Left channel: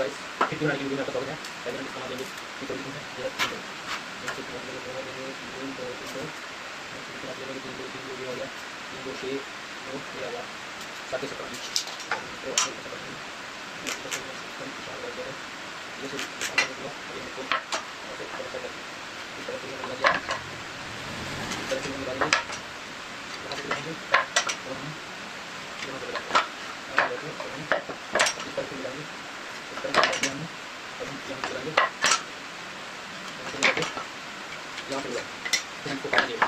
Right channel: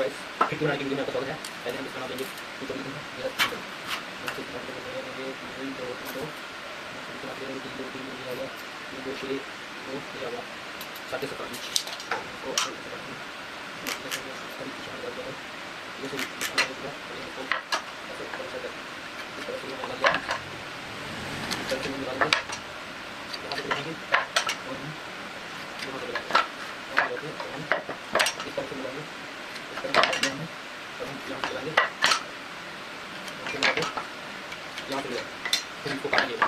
Guys फिर बनाने की वीडियो में आपका स्वागत है। पहले हम इसका नाम देंगे चिकन है ये हो गया 2 6 2 ये आ गया 7.5 इंच तो ये सब हुआ ये इसको ऐसे ऊपर से इस तरह से लगा दिया इस तरह से लगा दिया यहाँ से लगाएंगे और हम यहाँ से लगाएंगे हम इस तरह से मिलाएंगे इस तरह से मिलाएंगे हमने और हम यहाँ से मिलाएंगे यहाँ से मिलाएंगे यहाँ से मिलाएंगे फिर इसको काट देंगे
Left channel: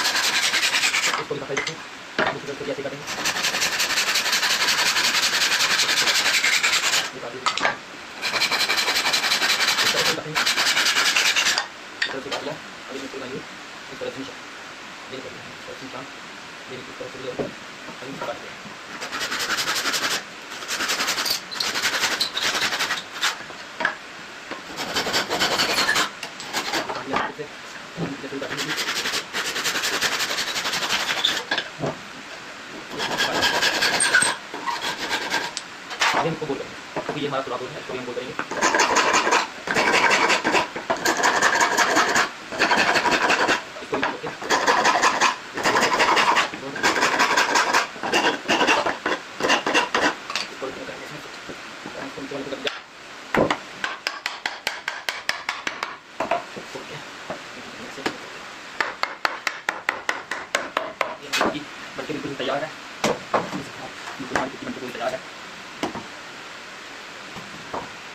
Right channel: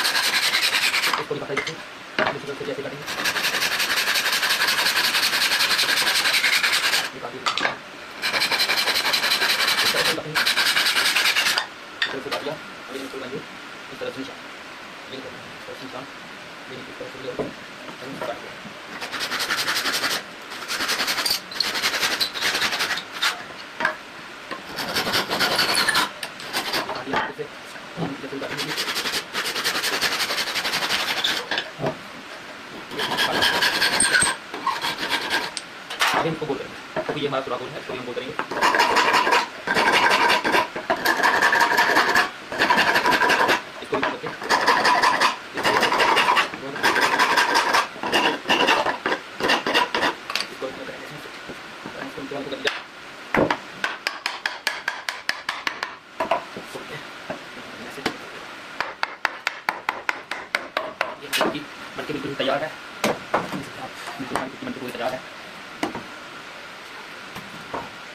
इसको दिखाता है देखिए दूसरी तरफ से कैसे करेंगे निकाल दीजिए इस तरह से काटेंगे इस तरह से काट लिया अभी इसको लगाएंगे इस तरह से निशान ये करेंगे इस तरह से निशान मेरी इस तरह से ले अभी इसको काटेंगे अभी इसको बोल करेंगे क्योंकि ये हमारा सुराख है इसको हम बोल करेंगे